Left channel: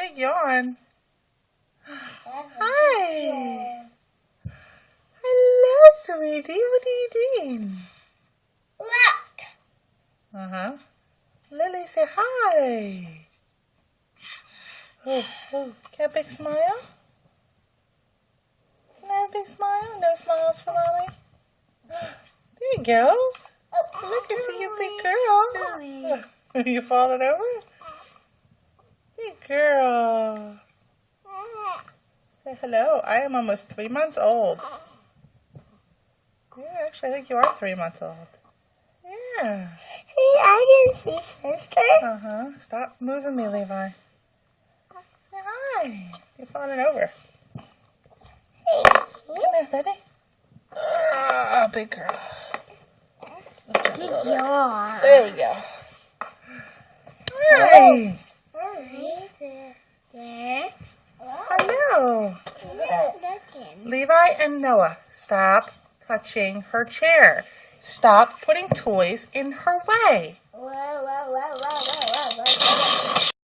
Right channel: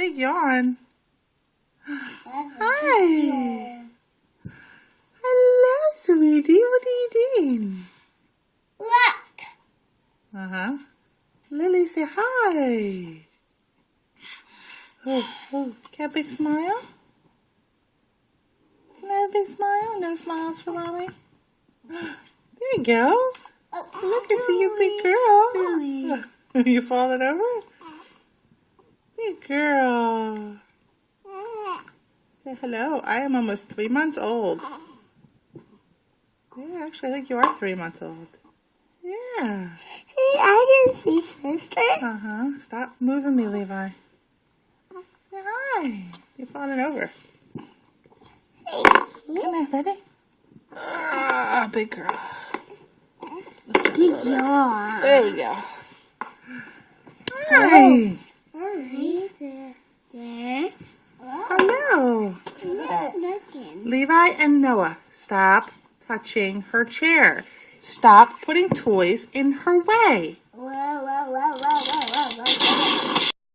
big yawn. Hi. Hello, sweetie. What are you doing? Look. Uh-huh. Lily, say hi. Oh, get a big smile? Can I have a big smile? No smiles for mommy? There you go. Look, it's you, big girl. You falling over? Big girl. Say hello. I am almost 3 months old. Yeah, actually, I think you are 3 months old. Yeah. Hey, I can see sister. Uh-huh. Stop moving me, Levi. Say hi. You're falling over. Thank you. Come here, Betty. Big girl. Good job. There we go. Hi. There. Hello. Looking. Levi and Noah, stop touching her chair. Stop putting toys in her way. Whoa, whoa, whoa, whoa, whoa.